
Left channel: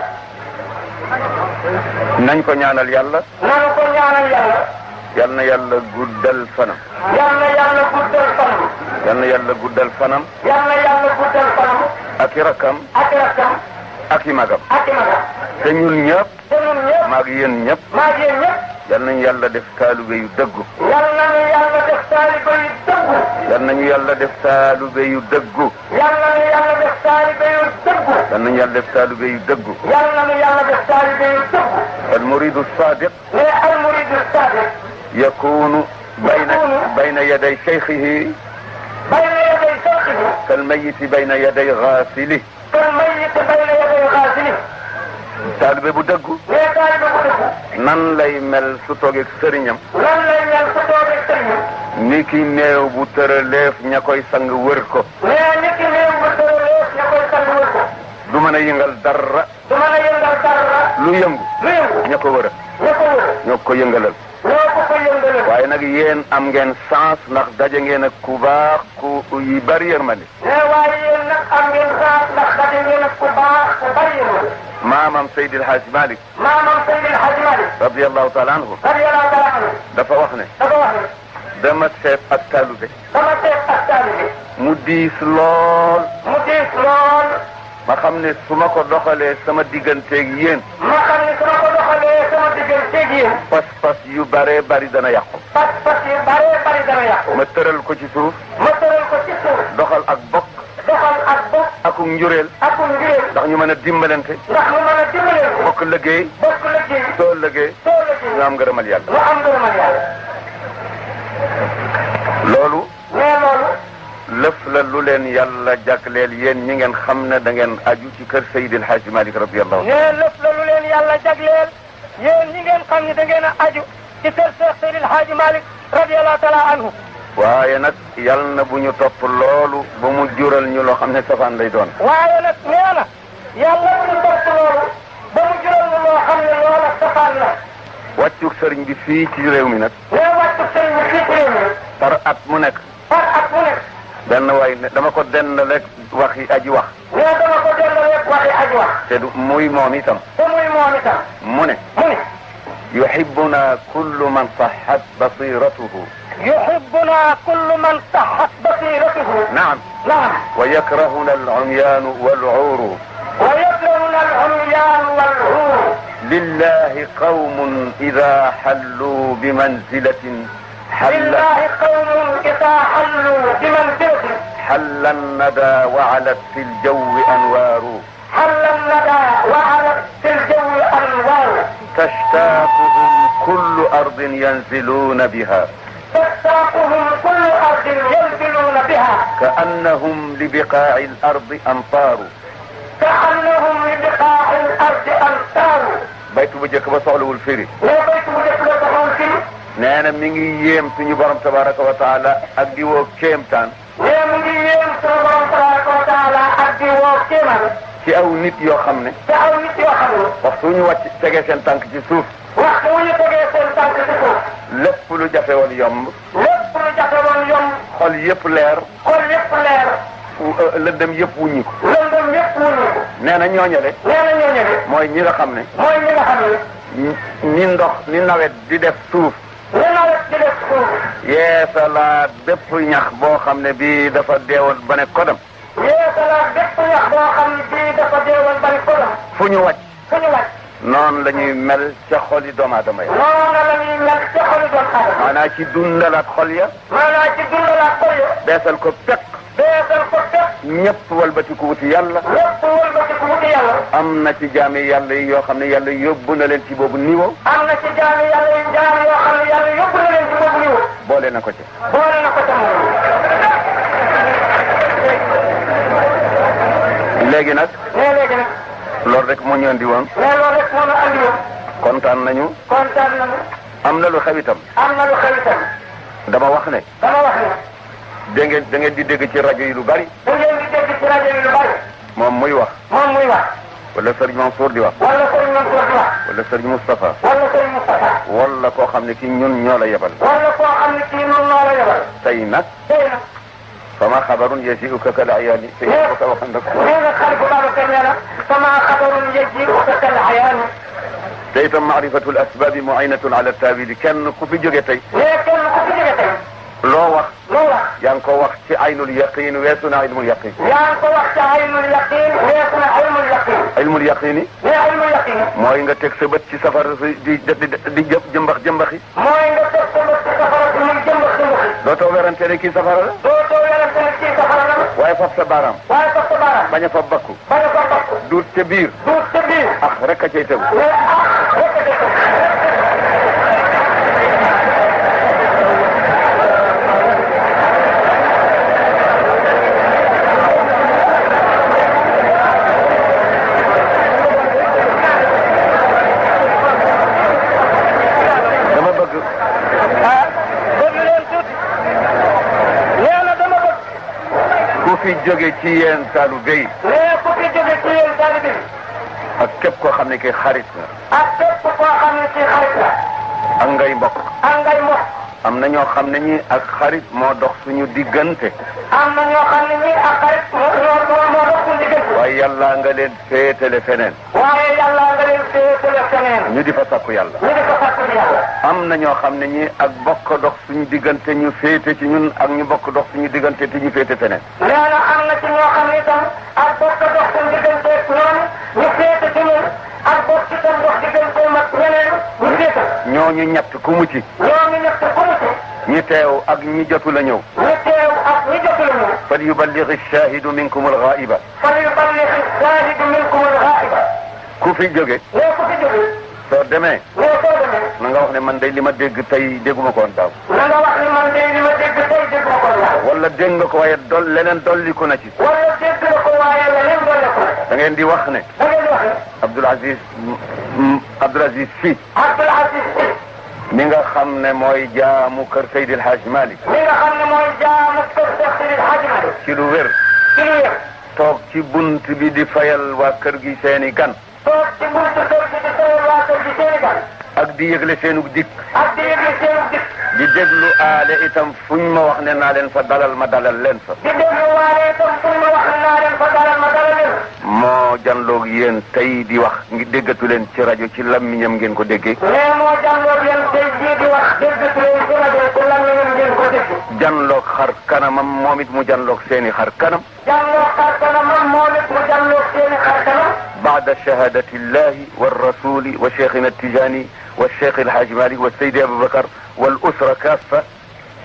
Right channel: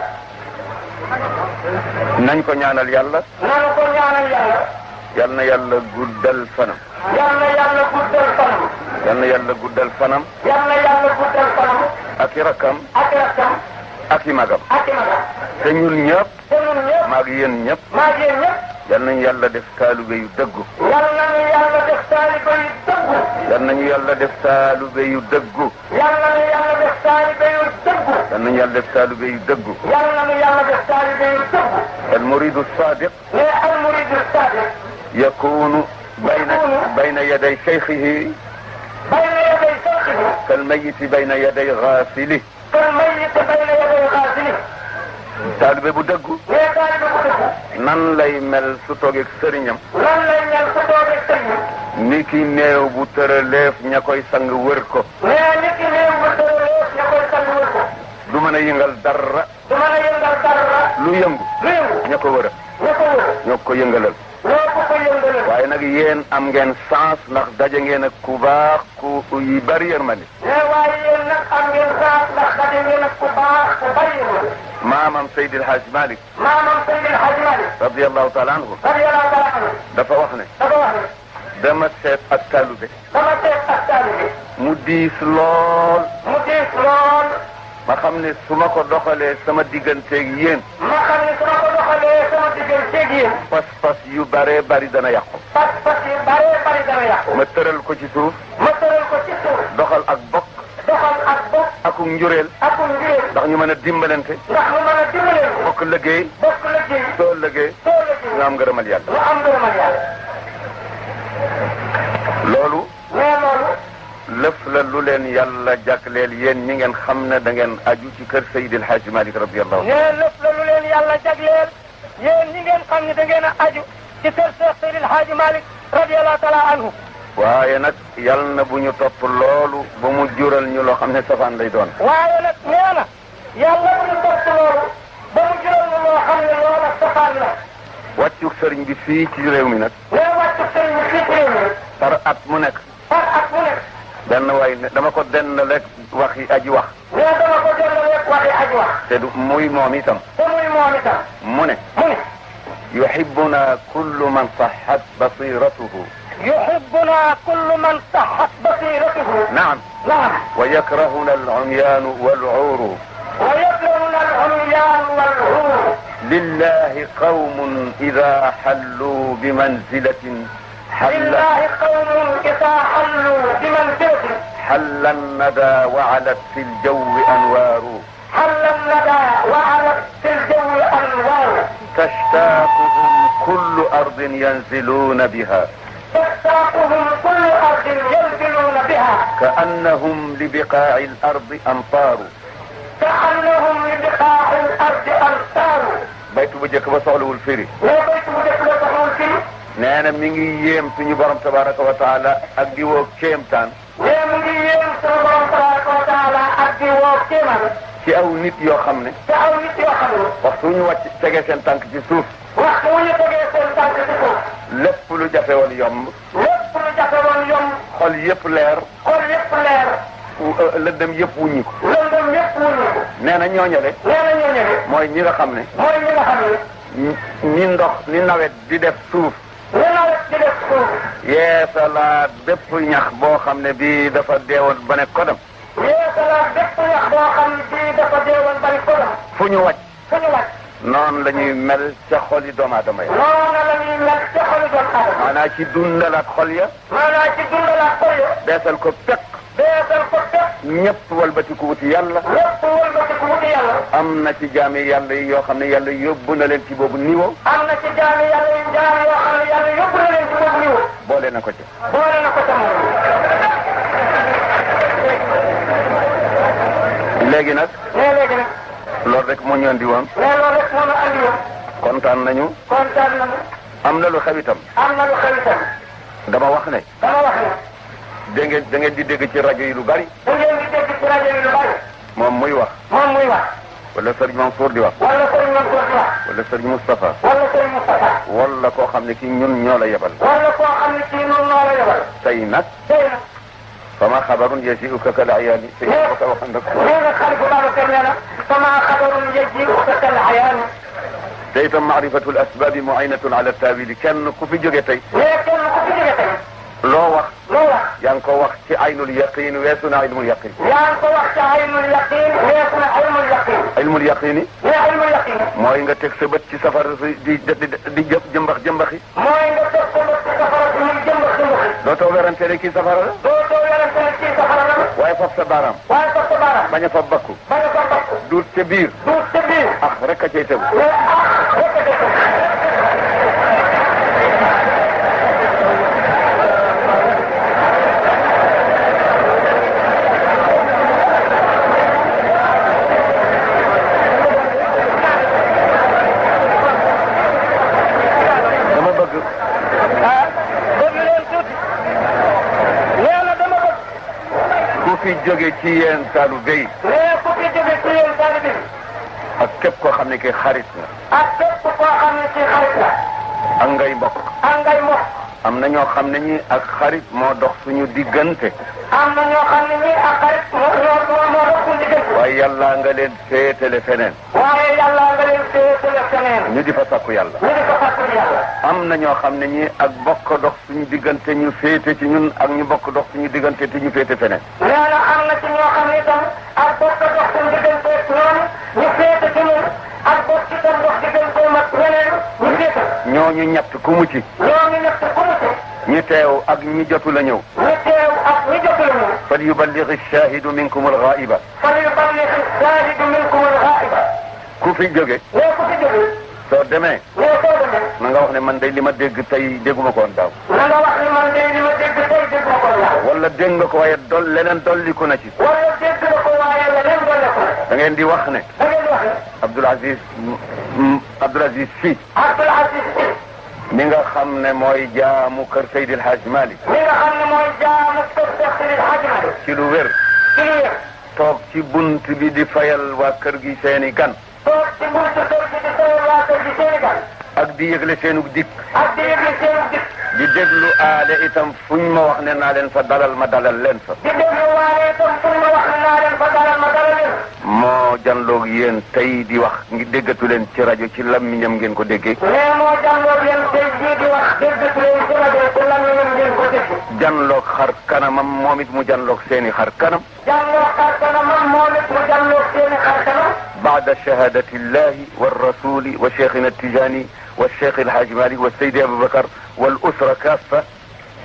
nañ ko ñaanal yàlla. nañu ko ñaanal yàlla. yal na yàlla guddal fanam. yal na yàlla guddal fanam. yal na yàlla guddal fanam. yal na yàlla guddal fanam. ak i rakkam. ak rakkam. ak i magam. ak i magam. te ñun ñëpp. te ñun ñëpp. maag yéen ñëpp. maag yéen ñëpp. yal nañu yàlla def taalibe yu dëggu. yal nañu yàlla def taalibe yu dëggu. yal nañu yàlla def taalibe yu dëggu. yal nañu yàlla def taalibe yu dëggu. yal nañu yàlla def taalibe yu dëggu. yal nañu yàlla def taalibe yu dëggu. al muridu sadiq. mais al muridu sadiq. yakunu bayna yaday shaykhihi. bayna yaday shaykhihi. kal mayyiti bayna yaday ghasilihi. kal mayyiti bayna yaday ghasilihi. taalibe bu dëggu. mais taalibe bu dëggu. nan lay mel su toogeeg sëriñam. nan lay mel su toogeeg sëriñam. ni ki néew bu tëraleef ña koy sang wër ko. mais ni ki néew bu tëraleef ña koy sang wër ko. du mën a yëngal dara. du mën a yëngal dara. lu yëngu. lu yëngu. ña ko wër. ña ko wër. ñoo ko yëngalal. ñoo ko yëngalal. waaye nag yéen am ngeen chance ndax daje ngeen ak ku baax ku yu bari yërmande. mais waaye yéen nag am ngeen chance ndax daje ngeen ak ku baax ku bari yërmande. maamam Seydil Hadj Malick. maamam Seydil Hadj Malick. radiyallahu taala anhu. radiyallahu taala anhu. dafa wax ne. dafa wax ne. dama seet ak talube. dama seet ak taalibe. mu diis lool. mu diis lool. ma xam ne su ma ko doxalee sama digganteeg yéen. ma xam ne su ma ko doxalee sama digganteeg yéen. pas-pas yu baree bari dana yàqu. pas-pas yu baree bari dana yàqu. ma tëral ko ci suuf. ma tëral ko ci suuf. doxal ak bokk. doxal ak bokk. akum njureel. akum njureel. ndax ñu mën a dimbalante. ndax ñu mën a dimbalante. bokk liggéey. bokk liggéey. soo liggéey. soo liggéey. ñu am ngërëmal yàlla. ñu am ngërëmal yàlla. loolu. mais loolu. lëf la lu leen yàlla jagleel yéen ñi ngeen xam ne da ngeen aju ci kër Seydil Hadji Malick radiyallahu anhu. mais lëf la lu leen yàlla jagleel yéen ñi ngeen xam ne da ngeen a aju ci kër Seydil Hadji Malick radiyallahu taala anhu. waaye nag yal na bu ñu topp loolu ba mu jural ñu loo xam ne safaan lay doon. waaye nag nee na yàlla bu ñu topp loolu ba mu jural ñu loo xam ne loola safaan la. wàccug sëriñ bi fii ci réew mi nag. mais wàccu sëriñ bi fii ci réew mi. par at mu nekk. par at mu nekk. benn waay ne dama ko denn rek waxi aji wax. mais dama ko delloo rek waxi aji wax. te du muy moom itam. te muy moom itam. mu ne. mu ne. yuhibbuna kullu man sahhat basiratuhu. yuhibbuna kullu man sahhat basiratuhu. naam. naam. wa yakrahuna al-umyanu wal-'uru. wa yakrahuna al-umyanu wal-'uru. lillahi qawmun idha hallu bimanzilatin لله قوم إذا حلوا بمنزلة حل الندى وعلت في الجو أنوار. حل الندى وعلت في الجو أنوار. تشتاقهم كل أرض ينزلون بها. تشتاقهم كل أرض ينزلون بها. كأنهم لبقاع الأرض أمطار. كأنهم لبقاع الأرض أمطار. بيت بجك بصعلو الفري. لا بيت بجك بصعلو الفري. nee na mi ngi yéem suñu borom tabaraka wa taala ak di woo kéemtaan. nee mu ngi yéem suñu borom tabaraka wa taala ak di woo kéemaan. ci aw nit yoo xam ne. ci aw nit yoo xam ne. waxtu ñu wàcc tegee seen tànk ci suuf. waxtu ñu tegee seen tànk ci suuf. lépp lu jafe woon yomb. lépp lu jafe woon yomb. xol yëpp leer. xol yëpp leer. lëndëm yëpp wuññi ko. lëndëm yëpp wuññi ko. nee na ñooñale. nee na ñooñale. mooy ñi nga xam ne. mooy ñi nga xam ne. ni ndox ni nawet di def suuf. li nawet di def suuf. yeesalaat bépp ñax boo xam ne bii dafa deewoon ba ne kodam. yeesalaat bépp ñax boo xam ne bii dafa deewoon ba ne kodam. fu ñu wàcc. fu ñu wàcc. noonu la ñuy mel ca xoli doomu aadama ya. noonu la ñuy mel ca xoli doomu aadama. maanaam ci dundalaat xol ya. maanaam ci dundalaat xol ya. beesal ko pekk. beesal ko pekk. ñëpp walbatiku wuti yàlla. ñëpp walbatiku wuti yàlla. am na ci jaami yàlla yi yoo xam ne yàlla yóbbu na leen ci boobu niveau. am na ci jaami yàlla yi jaam yoo xam ne yàlla yóbbu na leen ci boobu niveau. boole na ko ci. boole na ko ca moom. léegi nag. mais léegi nag. loolu rek moo ñu andi woon. mais loolu rek moo ñu andi woon. kontaan nañu. kontaan nañu. am na lu xew itam. am na lu xew itam. dama wax ne. dama wax ne. da ngeen di dégg ci rajo yi lu bari. da ngeen di dégg ci rajo yi lu bari. moom muy wax. moom muy wax. wala Serigne Mansour di wax. wala Serigne Mansour di wax. wala Serigne Moustapha. wala Serigne Mustafa. wala koo xam ne ci ñun ñoo la yebal. wala koo xam ne ci ñun ñoo la yebal. tey nag. tey nag. fama xabarun yaji'uka kal ayaani. tey ko sa wax nag. nee nga xarit Babacar nee na fama xabarun yaji'uka kal ayaani. te itam maarifatul asbaabi mu'inatun ala taawili kenn ku fi jóge tey. mais kenn ku fi jóge tey. loo wax. loo wax. yaa ngi ko wax ci aynul yaqin weesu na ilmul yaqin. yaa ngi ko wax ci aynul yaqin weesu na ilmul yaqin. ilmul yaqin. mais ilmul yaqin. mooy nga teg sa bët ci safara di jëmbax jëmbaxi. mooy nga teg sa bët ci safara si muy jëmbax jëmbaxi. dootoo werante ne kii safara la. dootoo werante ne kii safara la. waaye fab sa baaraam. waaye fab sa baaraam. bañ a fab bakku. bañ a fab bakku. duut ca biir. duut ca biir. ah rek a cay tegu. mais ah rek a cay tegu. fi jóge ci yéen taalibe yi. mais ku fi jóge ci yéen taalibe yi. ak képp koo xam ne kii xarit la. ak képp koo xam ne kii xarit la. ak ngay mbokk. ak ngay mbokk. am na ñoo xam ne ñi ak xarit moo dox suñu diggante. am na ñoo xam ne ñii ak xarit moo dox suñu diggante. waaye yàlla nga leen féetale feneen. waaye yàlla nga leen féetale feneen. ñu di fa sakku yàlla. ñu di fa sakku yàlla. am na ñoo xam ne ñi ak bokk dox suñu diggante ñu féete ci ñun ak ñu bokk dox suñu diggante te ñu féete feneen. nee na am na ci ñoo xam ne itam ak bokk dox suñu diggante ñoom ñu féete ci ñun ak bokk itam dox diggante mag ñeneen ñu féete. ñooñu ñett ku mu ci. ñooñu ñett ku mu ci. ñi teew ak ñi jotu la ñëw. ñi teew ak ñi jotu la ñëw. fal yuballigh ash-shahidu minkum al-ghaiba. fal yuballigh ash-shahidu minkum al-ghaiba. ku fi jóge. nee ku fi jóge. soo demee. nee soo demee. na nga wax ne man de li ma dégg tey dégguma ko woon daaw. na nga wax ne man de li ma dégg tey dégguma ko woon daaw. wala dégg nga ko waaye leneen dolliku na ci. wala dégg nga ko waaye leneen dolliku na. da ngeen di wax ne. da ngeen di wax ne. Abdoul Aziz Sy. Abdoul Aziz Sy. mi nga xam ne mooy jaamu kër Seydi El Hadj Malick. mi nga xam ne mooy jaamu kër Seydi El Hadj Malick. ci lu wér. ci lu wér. toog ci bunt bi di fayal waa kër gi seeni gan. toog ci buntu kër gi di fayal waa kër gi seeni gan. ak di yëgle seenu dikk. ak di yëgle seenu dikk. di déglu aale itam fuñ ma wax ne naa leen fa dalal ma dalal leen fa. di déglu waale itam fuñ ma wax ne naa leen fa dalal ma dalal leen. moo janloog yéen tey di wax ngi déggatu leen ci rajo ci lammiñam ngeen ko déggee. mais moo janloog yéen tey jii di wax déggatu leen ci rajo ci lammiñam ngeen ko dégg. janloog xar kanamam moom it mu janloog seeni xar kanam. janloog xar kanamam moom it mu janloog seeni xar kanam. baada shahadati llahi wa rasuli wa cheikhina Tijani wa cheikh El Hadj Malick wa Seydi Aboubacar wal usra kaffa.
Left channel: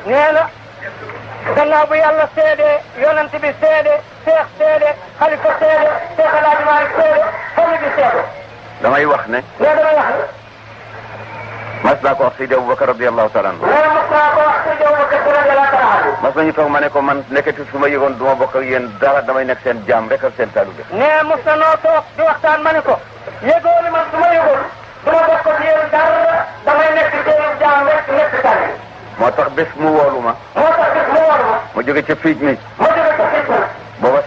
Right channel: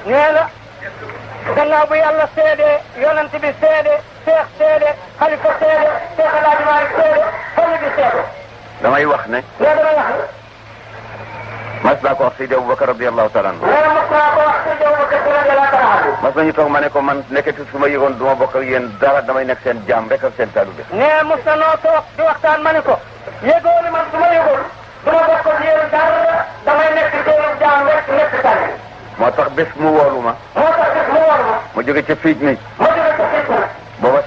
nee na gannaaw bu yàlla seede yonent bi seede cheikh seede xalifa seede cheikh El Hadj Malick seede famille bi seede. damay wax ne. nee damay wax ne. mas naa ko wax Seydi Aboubacar radiyallahu taala anhu. nee mas naa ko wax Seydi Aboubacar radiyallahu taala anhu. mas nañu toog ma ne ko man nekkati su ma yëgoon du ma bokk ak yéen dara damay nekk seen jaam rek ak seen taalibe. nee mos na noo toog di waxtaan ma ne ko yëgoo ni man su ma yëgoon du ma bokk ak yéen dara damay nekk seenu jaam rek nekk taalibe. moo tax bés mu woolu ma. moo tax bés mu woolu ma. ma jóge ca fiij mi. ma jóge ca fiij mi. booba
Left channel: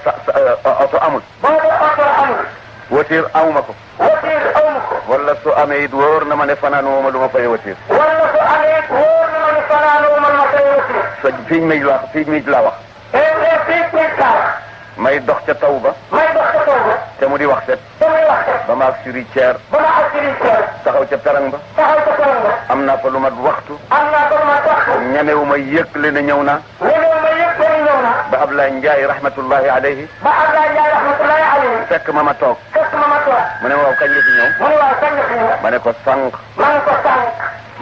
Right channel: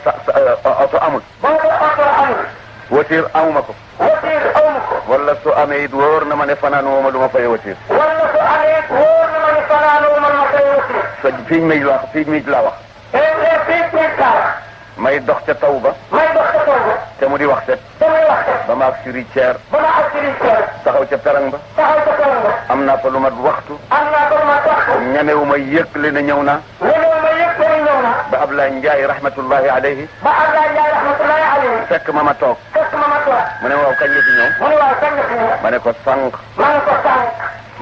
oto amul. booba oto amul. voiture amuma ko. voiture amuma ko. wala su amee it wóor na ma ne fanaan woo ma lu ma fay voiture. wala su amee it wóor na ma ne fanaan woo ma lu ma fay voiture. sa fiij mi la wax fiij mi laa wax. fiij mi laa wax. may dox ca taw ba. may dox ca taw ba. te mu di wax set. te muy wax set. ba ma ak suri ceer. ba ma ak suri ceer. taxaw ca perang ba. taxaw ca perang ba. am naa fa lu mat waxtu. am naa fa lu mat waxtu. ñemewu ma yëkkale ne ñëw naa. ñemewu ma yëkkale ñëw naa. ba Ablaye Ndiaye rahmatullahi alayhi. ba Ablaye Ndiaye rahmatullahi alayhi. fekk ma toog. fekk ma toog. mu ne ma waaw kañ la fi ñëw. mu ne waaw kañ la fi ñëw. ma ne ko sànq. ma ne ko sànq.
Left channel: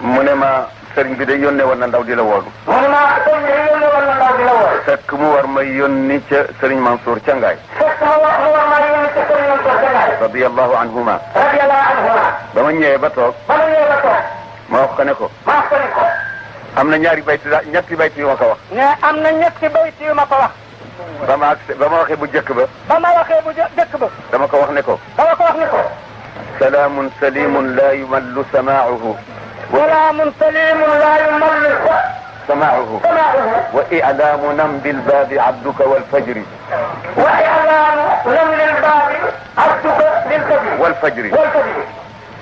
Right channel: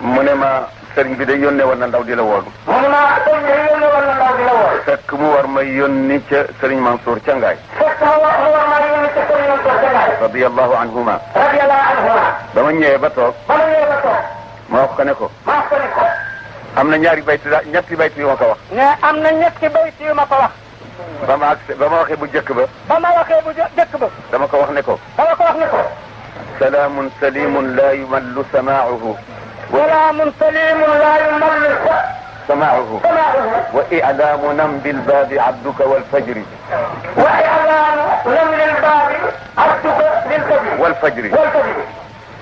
mu ne ma sëriñ bi de yónnee woon na ndaw di la woolu. mu ne ma sëriñ bi yónnee woon na ndaw di la woolu. fekk mu war ma yónni ca sëriñ Mansour ca Ngaay. fekk mu war ma yónni ca sëriñ Mansour ca Ngaay. radiyallahu anhuma. radiyallahu anhuma. ba ma ñëwee ba toog. ba ma ñëwee ba toog. ma wax ko ne ko. ma wax ko ne ko. am na ñetti bayti yu ma ko wax. mais am na ñetti bayti yu ma ko wax. ba ma waxee bu jëkk ba. ba ma waxee bu jëkk ba. dama ko wax ne ko. dama ko wax ne ko. salaamun salimun laa yumallu samaa'uhu. salaamun salimun laa yumallu سماعه وإعلام نمد الباب عبدك والفجر وإعلام نمد الباب عبدك للفجر والفجر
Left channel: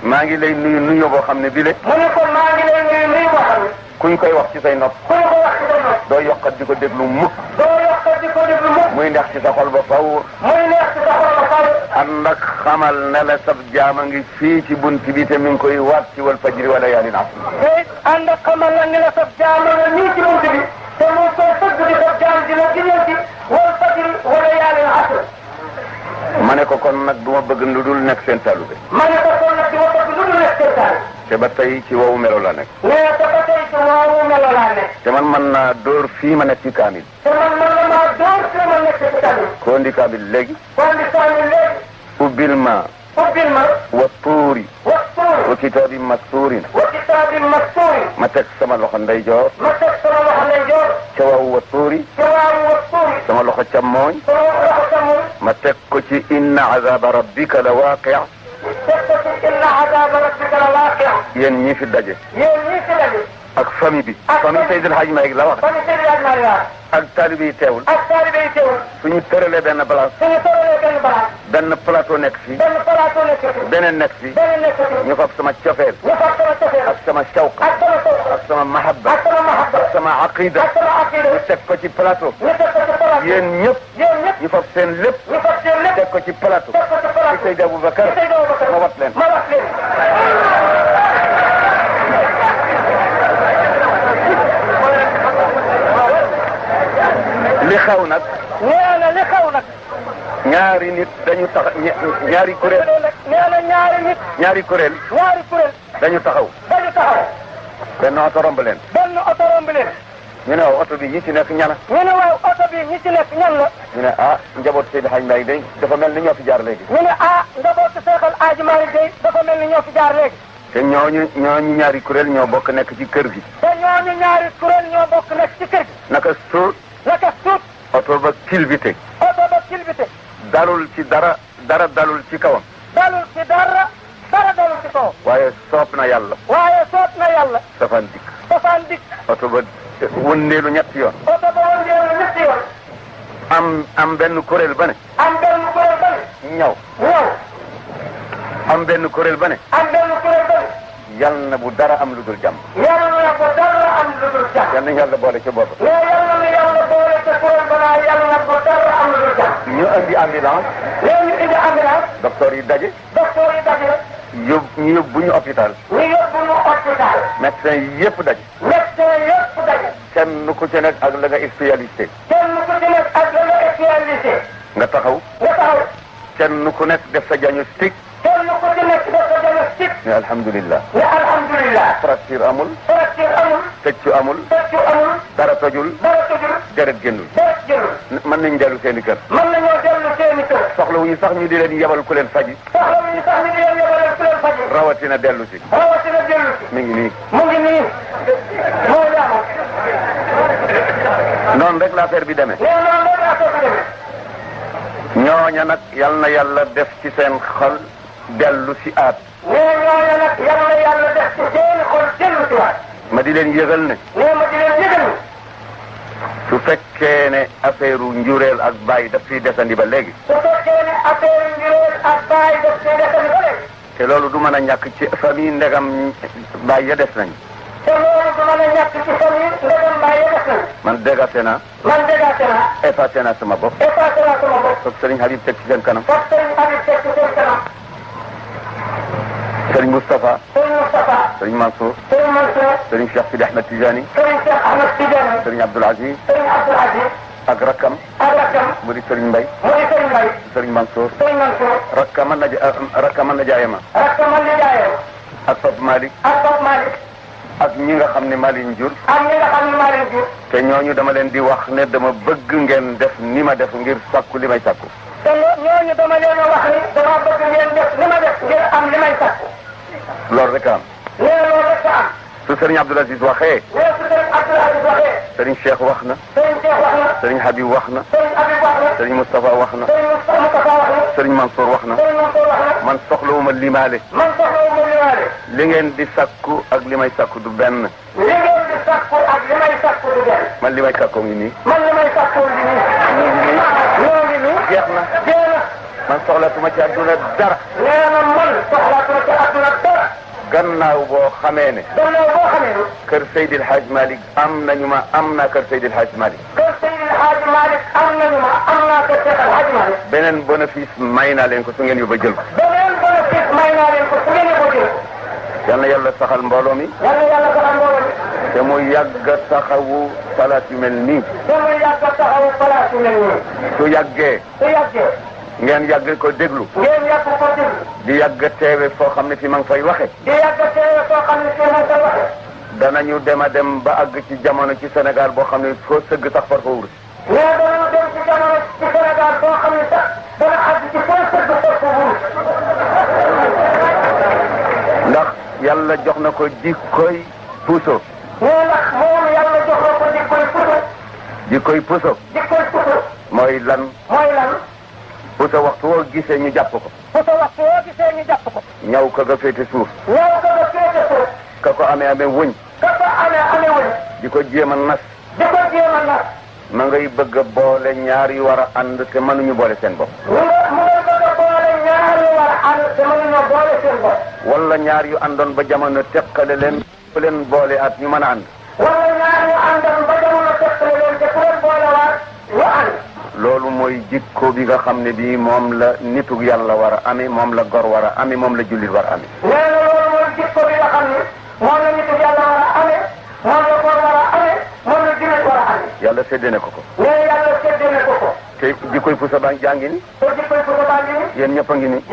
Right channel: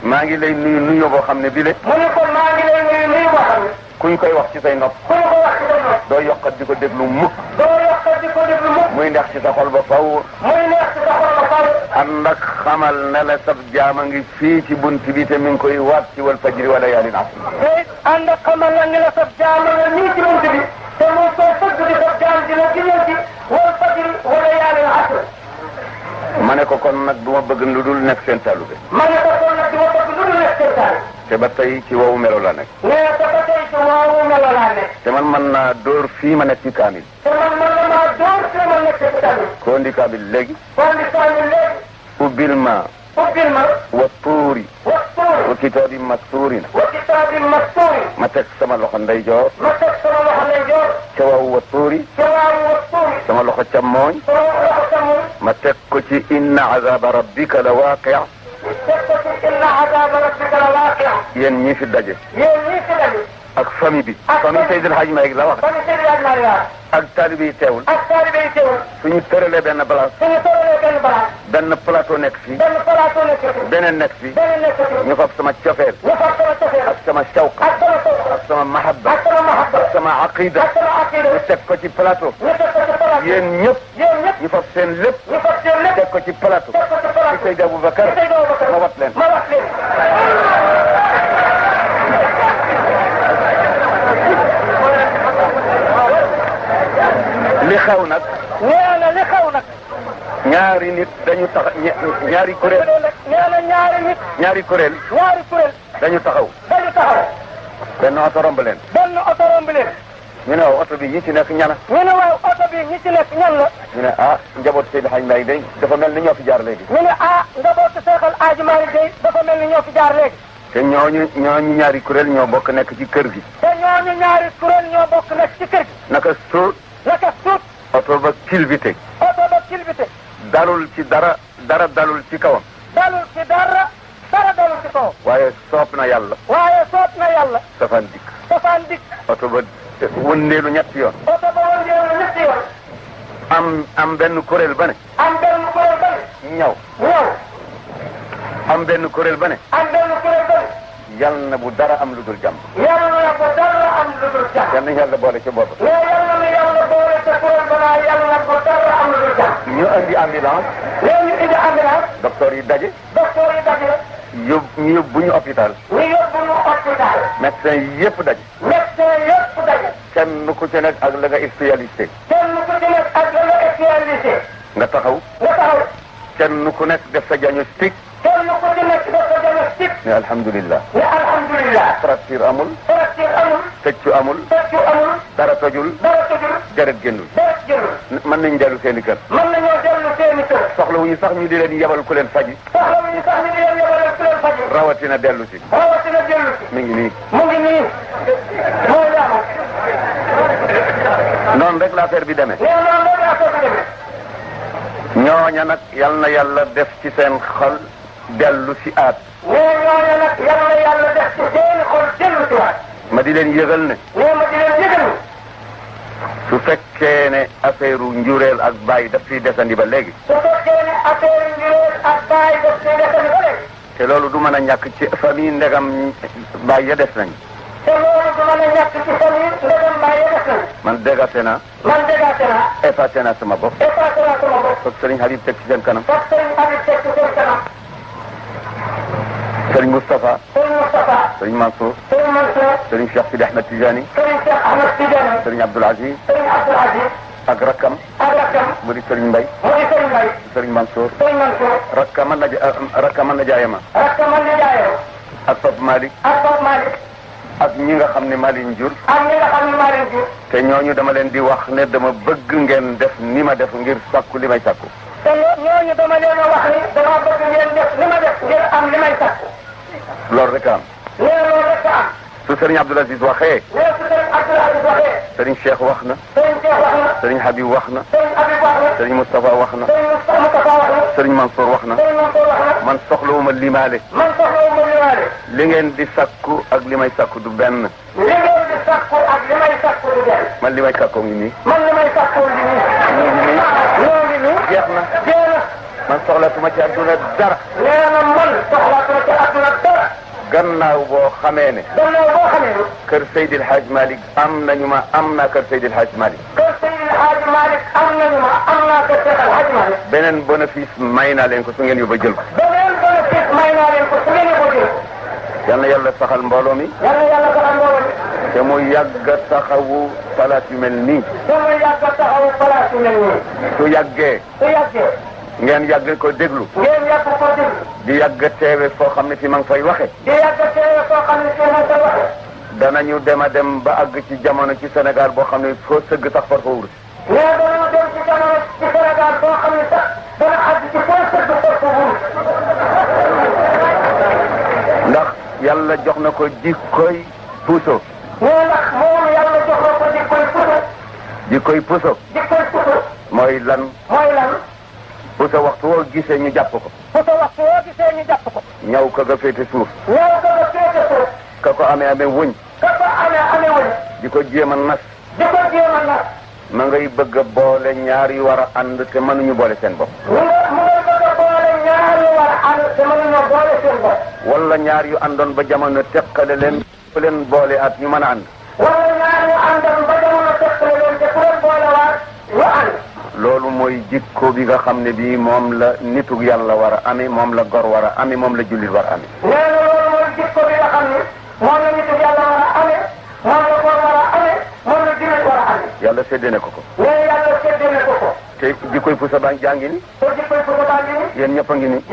maa ngi lay nuyu nuyu boo xam ne bile. mu ne ko maa ngi lay nuyu nuyu boo xam ne. kuñ koy wax ci say nopp. kuñ ko wax ci say nopp. doo yokkat di ko déglu mukk. doo yokkat di ko déglu mukk. muy neex ci sa xol ba faw. muy neex ci sa xol ba faw. ànd ak xamal ne la sab jaama ngi fii ci bunt bi te mi ngi koy waat ci wal fajri wala yaalin asr. te ànd ak xamal la ne la sab jaama nga nii ci bunt bi. te muy soo tëgg di sab jaam dina jëlee ci wal fajri wala yaalin asr. ma ne ko kon nag du ma bëgg lu dul nekk seen talibé. ma ne ko kon nag du ma bëgg lu dul nekk seen talibé. te ba tey ci wowu melo la nekk. mais te ba tey ci wowu melo laa nekk. te man mën naa dóor fii ma nekk ci kaamil. te man la maa dóor fii ma nekk ci kaamil. koo indi kaamil léegi. koo indi kaamil léegi. ubbil ma. ubbil ma. wa tuuri. wa tuuri. wa kitaabin mastuurin. wa kitaabin mastuurin. ma teg sama loxo ndeyjoor. ma teg sama loxo ndeyjoor. ca waaw wa tuuri. ca waaw wa tuuri. sama loxo càmmooñ. sama loxo càmmooñ. ma teg ko ci inna azaba rabbika la waaqi'. teg ko ci inna azaba rabbika la waaqi'. yéen ñii fi daje. yéen ñii fi daje. ak famille bi. famille Seydil Hadj Malick la wax. famille Seydil Hadj Malick la wax. ak taalibe yi teewul. ak taalibe yi teewul. suñu tëralee benn place. suñu tëralee benn place. benn plateau nekk fii. benn plateau nekk fii. beneen nekk fii. beneen nekk fii. ñu fab sama cofeel. ñu fab sama cofeel. ak sama shawq. ak sama shawq. ak sama mahabba. ak sama mahabba. ak sama aqida. ak sama aqida. ñu teg ko ci plateau. ñu teg ko ci plateau. yéen ñëpp. yéen ñëpp. ñu fab seen lépp. ñu fab seen lépp. teg ko ci plateau. teg ko ci plateau. ci Seydi Aboubacar. ci Seydi Aboubacar. ma wat leen. ma wat leen. li xew nag. nee na li xew nag. ñaari nit dañu tax ñaari kuréel. nee na ñaari nit. ñaari kuréel. ñaari kuréel. dañu taxaw. dañu taxaw. benn oto romb leen. benn oto romb leen. ñu ne waaw oto bi ñi ci nekk ñana. ñu ne waaw oto bi ñi ci nekk ñan la. ñu ne ah njaboot Seydi Hadj Malick day dafa mel ni ñoo fi jaar léegi. ñu ne ah njabootu Seexal Hadji Malick day dafa mel ni ñoo fi jaar léegi. te ñooñu ñaari kuréel ñoo bokk nekk ci kër gi. te ñooñu ñaari kuréel ñoo bokk nekk ci kër gi. naka suut. naka suut. oto ba kilbite. oto ba kilbite. dalul ci dara dalul ci kawam. dalul ci dara dalul ci kawam. waaye soob na yàlla. waaye soob na yàlla. safaan dikk. safaan dikk. oto ba wëndeelu ñetti yoon. oto ba wëndeelu ñetti yoon. am benn kuréel ba ne. am benn kuréel ba ne. ñaw. am benn kuréel ba ne. am benn kuréel ba ne. yal na bu dara am lu dul jàmm. yal na bu dara am lu dul jàmm. yal na yàlla boole ci bopp. mais yal na yàlla boole ca kuréel ba naa yal na bu dara am lu dul jàmm. ñu indi ambulance. léegi ñu indi ambulance. docteur yi daje. docteur yi daje. ñu yóbbu ñu hôpital. ñu yóbbu ñu hôpital. médecin yëpp daje. médecin yëpp daje. kenn ku ci nekk ak la nga spécialité. kenn ku ci nekk ak la nga spécialité. nga taxaw. nga taxaw. kenn ku nekk def sa diagnostic. kenn ku ci nekk def sa diagnostic. ne alhamdulilah. ne alhamdulilah. fracture amul. fracture amul. tëccu amul. tëccu amul. dara tojul. dara tojul. deret génnul. deret génnul. mën nañ dellu seen i kër. mën nañoo dellu seen i kër. soxlawuñu sax ñu di leen yebal ku leen faji. soxlawuñu sax ñu di leen yebal ku leen faji. rawatina dellu si. rawatina dellu si. mi ngi nii. mu ngi nii. moo yaama. noonu rek la affaire bi demee. noonu rek la affaire bi demee. ñooña nag yal na yàlla def ci seen xol dellu si aat. mais ñooñu nag yal na yàlla def ci seen xol dellu si waat. ma di leen yëgal ne. mais ma di leen yëgal ne. su fekkee ne affaire njureel ak bàyyi daf fiy desandi ba léegi. su fekkee ne affaire njureel ak bàyyi daf fiy desandi ba léegi. te loolu du mën a ñàkk ci famille ndegam bàyyi ya des nañ. te loolu du mën a ñàkk ci famille ndegam bàyyi ya des nañ. man dégaate naa. man dégaate naa. effacé naa sama bopp. effacé naa sama bopp. parce que Serigne Habib teg ci seen kanam. parce que Serigne Habib teg ci seen kanam. Serigne Moustapha. Serigne Moustapha. Serigne Mansour. Serigne Mansour. Serigne Cheikh Sidi Ahmed Tidiane. Serigne Cheikh Ahmed Tidiane. Serigne Abdoul Aziz. Serigne Abdoul Aziz. ak rakkam. ak rakkam. mu di Serigne Mbaye. mu di Serigne Mbaye. Serigne Mansour. Serigne Mansour. rakkam na jaayama. rakkam man di jaayoo. ak Pape Malick. ak Pape Malick. ak ñi nga xam ne Malick jur. am ñi nga xam ne maa leen jur. te ñooñu dama leen di wax ne dama bëgg ngeen def ni ma def ngir sàkku li may sàkku. te ñooñu dama leen a wax ni dama bëgg ngeen def li ma def ngir am li may sàkku. loolu rek a am. nee loolu rek a am. su Serigne Abdoul Aziz waxee. nee su Serigne Abdoul Aziz waxee. Serigne Cheikh wax na. Serigne Cheikh wax na. Serigne Habib wax na. Serigne Habib wax na. Serigne Moustapha wax na. Serigne Moustapha wax na. Serigne Mansour wax na. Serigne Mansour wax na. man soxlawuma limaale. man soxlawuma limaale. li ngeen di sàkku ak li may sàkku du benn. li ngeen di sàkku ak li may sàkku du benn. man li may sàkkoo ngi nii. man li may sàkku ngi nii. ñoo ngi nii. jeex na. jeex na. man soxlatuma ci àdduna dara. nee na man soxlaatuma ci àdduna dara. gannaaw boo xamee ne. gannaaw boo xamee ne. kër Seydil Hadj Malick am nañu ma am naa kër Seydil Hadj Malick. kër Seydil Hadj Malick am nañu ma am naa kër Seydil Hadj Malick. beneen bénéfice may naa leen ko su ngeen yóbba jël ko. beneen bénéfice may naa leen ko su ngeen yóbba jël ko. yal na yàlla saxal mbooloo mi. yal na yàlla saxal mbooloo mi. te mu yàgg a taxawu palaas yu mel nii. te mu yàgg a taxawu palaas yu mel nii. su yàggee. su yàggee. ngeen yàgg ko déglu. ngeen yàgg ko déglu. di yàgg teewe foo xam ne fi ma ngi fay waxe. di yàgg teewe foo xam ne fi ma ngi fay waxe. danañu dem a dem ba àgg ci jamono ci Sénégal boo xam ne foo sëgg tax far fa wur. mais danañu dem ci jamono ci Sénégal boo xam ne sax dana àgg ci foo sëgg far fa wur. ndax yàlla jox na ko jikkoy puso. mais ndax moom yàlla jox na ko jikkoy puso. jikkoy puso. jikkoy puso. mooy lan. mooy lan. puso waxtu woo gisee ñu jàpp ko. puso waxtu woo gisee ñu jàpp ko. ñaw ka nga féete suuf. ñaw ka nga féete suuf. ka ko amee wëñ. ka ko amee wëñ. di ko jéem a nas. di ko jéem a nas. ma ngay bëgg a boole ñaar yu war a ànd te mënuñu boole seen bopp. mu ngay bëgg a boole ñaar yu war a ànd te mënuñu boole seen bopp. wala ñaar yu àndoon ba jamono teqale leen fu leen boole at ñu mën a ànd. wala ñaar yu àndoon ba jamono teqale leen te fu leen boole waat ñu ànd. loolu mooy jikko bi nga xam ne bii moom la nitu yàlla war a amee moom la gor war a amee moom la jullit war a amee. nee na loolu mooy jikko bi nga xam ne moom la nitu yàlla war a amee moom la gor war a amee moom la jullit war a amee. yàlla séddee na ko ko. nee yàlla séddee na ko ko. te jikkoy pusa baa jàngi ni. te jikkoy pusa baa ngi ni. yéen ñëpp a ngi ni.